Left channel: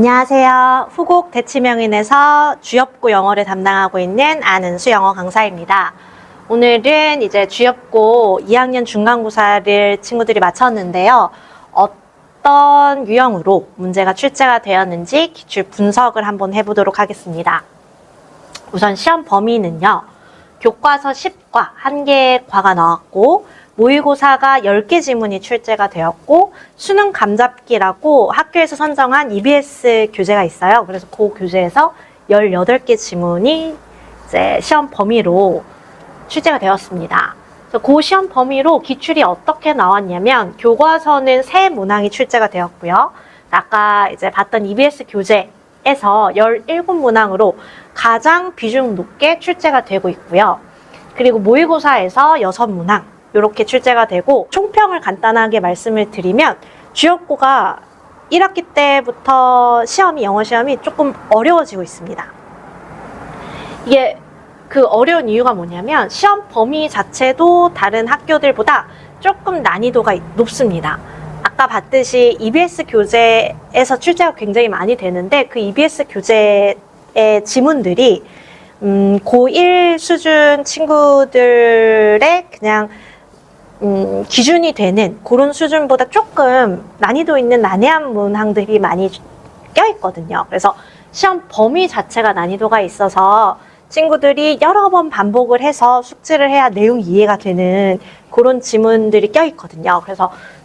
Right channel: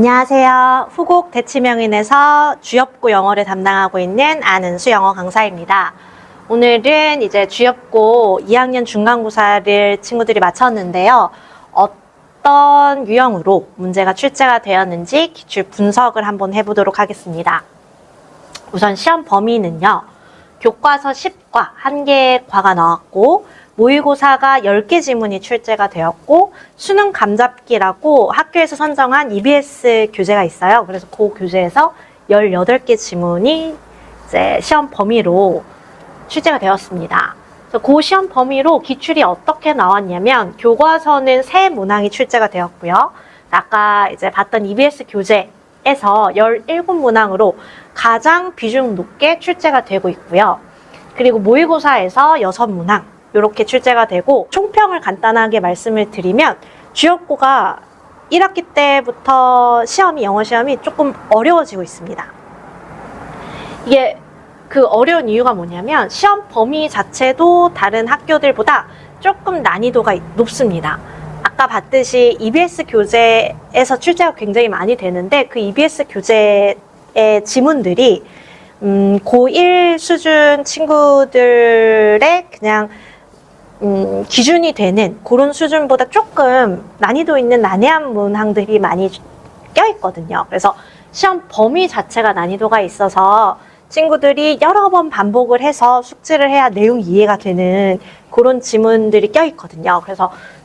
안녕하세요. 후곡 대치명인에서 주엽고 영어를 담당하고 있는 안은수 영어 강사입니다. 오늘은 이제 주엽고 2학년 중간고사를 친구들이 마쳤는데요. 어떤 유형으로 문제가 출제가 되었는지 기출 분석을 한번 해보도록 하겠습니다. 우선 시험 범위는요. 교과서 10과 1개의 과가 나왔고 모의고사가 10개 지문이 출제가 되었고 수능 감잡기라고 학교에서 선정한 EBS 교재가 있어요. 그래서 그 교재에서 18개 지문이 이제 시험 범위로 출제가 되었습니다. 그 시험 범위로 기출이 어떻게 나왔냐면 교과서는 3문항이 출제가 되었고요. 아까 이제 봤던 EBS 교재에서 17문항으로 가장 비중 높게 출제가 되고 있고요. 그리고 모의고사에서 6문항 이렇게 출제가 되고 총평을 간단하게 말씀을 드리면 주엽고가 1학기 때부터 영어 시험이 조금 어려워지고 있습니다. 이게 그 어려운 이유가 뭐냐면 시험 범위 자체도 다른 학교들보다 조금 난이도가 높습니다. 아까 봤듯이 EBS 교재에서 출제가 굉장히 많이 되는데 그 EBS 교재의 지문들이 고1 수준 친구들의 그냥 기준이 되는 그런 수준보다 조금 난이도 있는 난해한 문항들이 많이 껴있거든요. 그래서 시험 범위 자체가 난이도가 있어서 친구들이 여러 번 반복을 해서 숙지를 해야 내용이 이해가 되는 그런 지문들이 껴있거든요.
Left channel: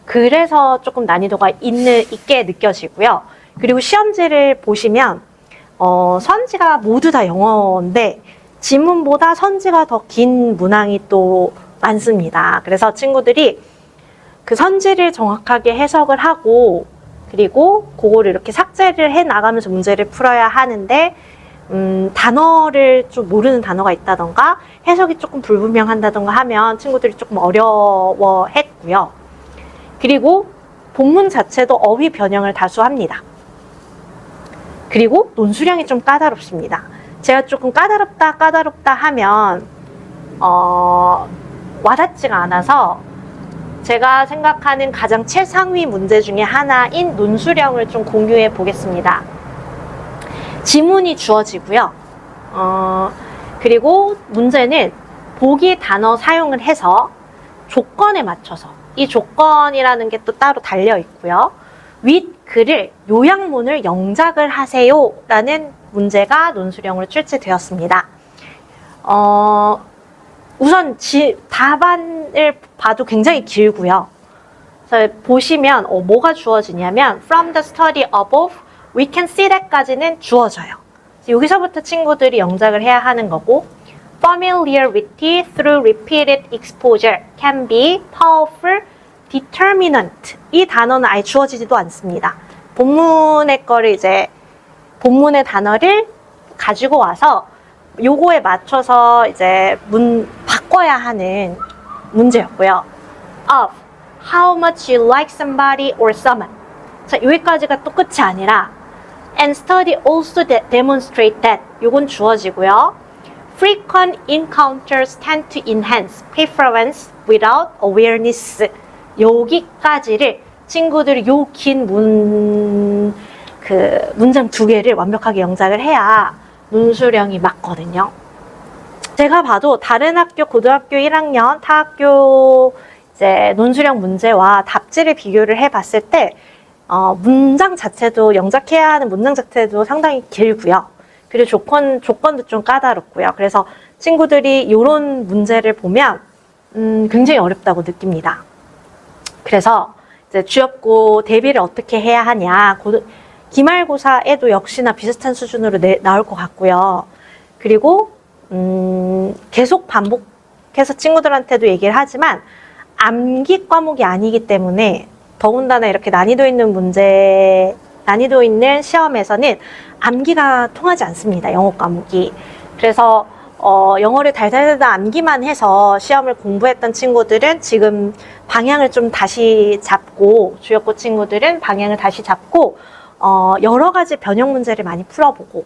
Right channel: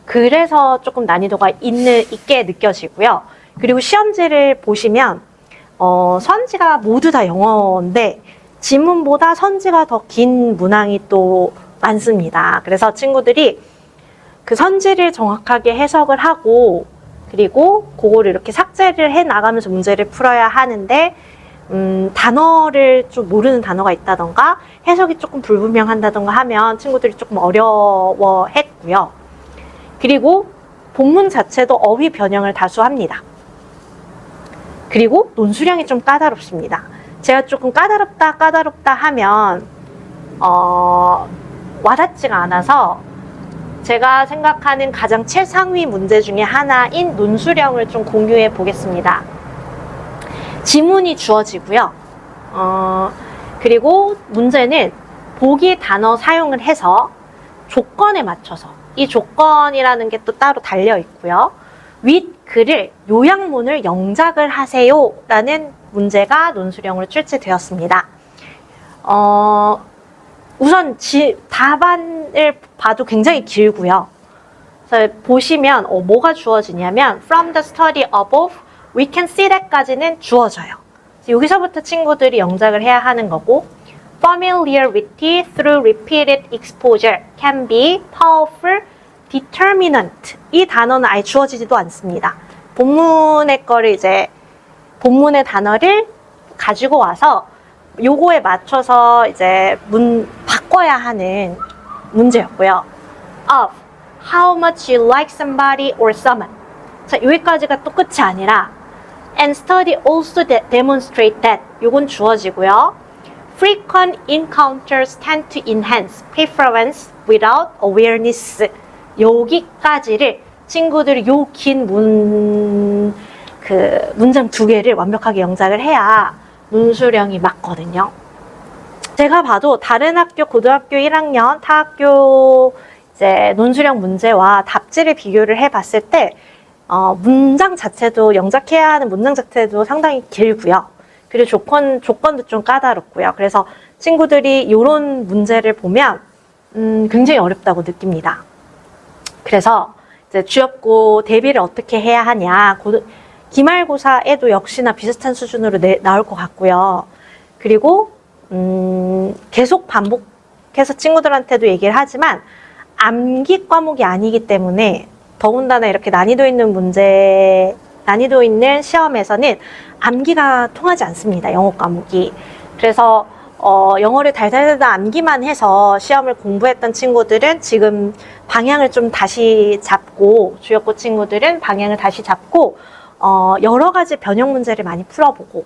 그래서 조금 난이도가 있게 느껴지고요. 그리고 시험지를 보시면 선지가 모두 다 영어인데 지문보다 선지가 더 긴 문항이 또 많습니다. 그래서 친구들이 그 선지를 정확하게 해석을 하고 그리고 그거를 이렇게 삭제를 해 나가면서 문제를 풀어야 하는데 단어를 좀 모르는 단어가 있다던가 해석이 조금 불분명한다던가 하면 친구들이 조금 어려워했고요. 그리고 본문 자체도 어휘 변형을 다수 합니다. 그리고 논술형이 좀 까다롭습니다. 제가 조금 까다롭다 하면 와닿지가 않아서 제가 생각하는 가장 최상위 문제 중에 하나인 논술형을 좀 공유해 보겠습니다. 지문이 주어지고요. 그리고 문제는 보기 단어 사용을 해서 조건에 맞춰서 이 조건이라는 게 또 따로 달려 있고요. 윗글을 요약문을 영작을 하세요 라는 문제가 논술형으로 출제되었습니다. 우선 답안을 봐도 굉장히 길고요. 그래서 보시면 뭐가 주어지냐면 From the study above, we can see that까지는 주어져요. 여기서부터 친구들이 영작을 해야 하는 거고 Familiarity through repeated exposure can be powerful determinant. 이 단어는 아예 주어지지도 않습니다. 본문의 단어를 가지고 와서 요거에 맞춰서 이제 바꿔야 하는 문제였고요. Of how much you like somebody or someone. 자, 여기까지가 또 끝이 아니라 and study also demonstrate that. 요건 주어지고요. Frequent encounters tend to enhance preference without awareness. 여기까지를 친구들이 요 긴 문장 2개를 완벽하게 영작을 해야 논술형이 맞거든요. 제가 봐도 다른 학교 고등학교 1학년 타 학교 이제 논술형 문제와 답지를 비교를 해봤을 때 문장 자체도 영작해야 하는 문장 자체도 상당히 길고요. 그리고 조건도 좀 까다롭고요. 그래서 친구들이 이런 문제를 보면 굉장히 어렵다고 느낍니다. 그래서 이제 주엽고 대비를 어떻게 해야 하냐. 기말고사에도 역시나 비슷한 수준으로 나올 것 같고요. 그리고 계속 반복해서 친구들한테도 얘기를 하지만 암기 과목이 아니기 때문에 더군다나 이렇게 난이도 있는 시험에서는 암기가 통하지 않습니다. 영어 과목이. 그래서 영어를 달달달 암기만 해서 시험을 공부했던 친구들은 지금 방향을 좀 다시 잡고 주엽고 친구들은 방향을 다시 잡고 여러 가지 변형 문제를 많이 풀어보고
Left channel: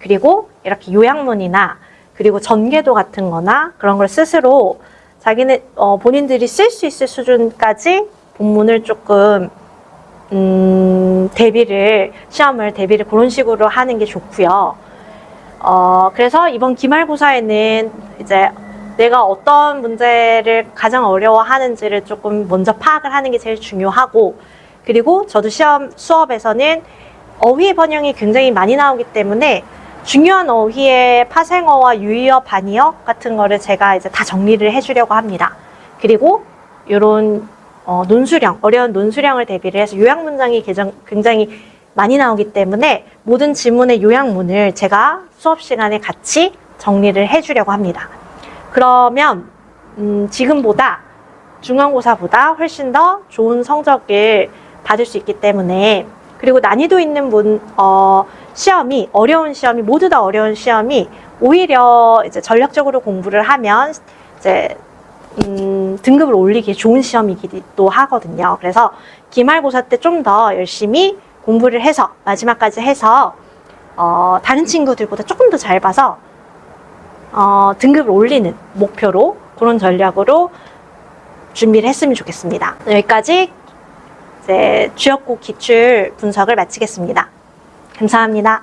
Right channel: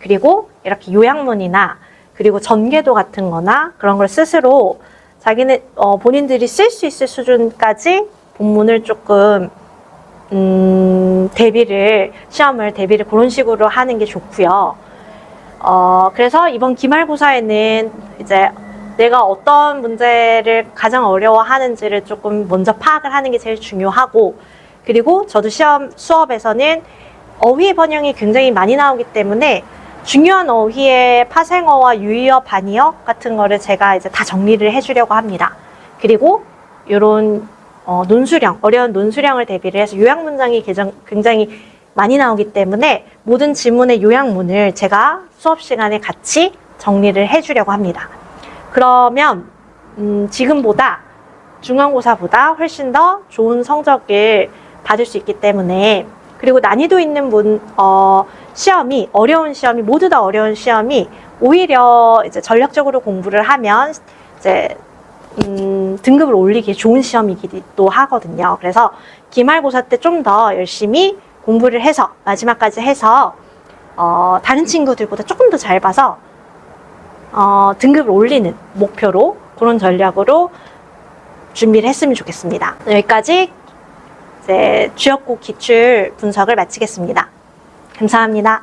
그리고 이렇게 요약문이나 그리고 전개도 같은 거나 그런 걸 스스로 본인들이 쓸 수 있을 수준까지 본문을 조금 시험을 대비를 그런 식으로 하는 게 좋고요. 그래서 이번 기말고사에는 이제 내가 어떤 문제를 가장 어려워하는지를 조금 먼저 파악을 하는 게 제일 중요하고, 그리고 저도 수업에서는 어휘 번역이 굉장히 많이 나오기 때문에 중요한 어휘의 파생어와 유의어, 반의어 같은 거를 제가 이제 다 정리를 해주려고 합니다. 그리고 이런 어려운 논술형을 대비를 해서 요약 문장이 굉장히 많이 나오기 때문에 모든 지문의 요약문을 제가 수업 시간에 같이 정리를 해주려고 합니다. 그러면 지금보다 중간고사보다 훨씬 더 좋은 성적을 받을 수 있기 때문에, 그리고 난이도 있는 어려운 시험이 모두 다 어려운 시험이 오히려 이제 전략적으로 공부를 하면 이제 등급을 올리기 좋은 시험이기도 하거든요. 그래서 기말고사 때 좀 더 열심히 공부를 해서 마지막까지 해서 다른 친구들보다 조금 더 잘 봐서 등급을 올리는 목표로 그런 전략으로 준비를 했으면 좋겠습니다. 여기까지 이제 주역국 기출 분석을 마치겠습니다. 감사합니다.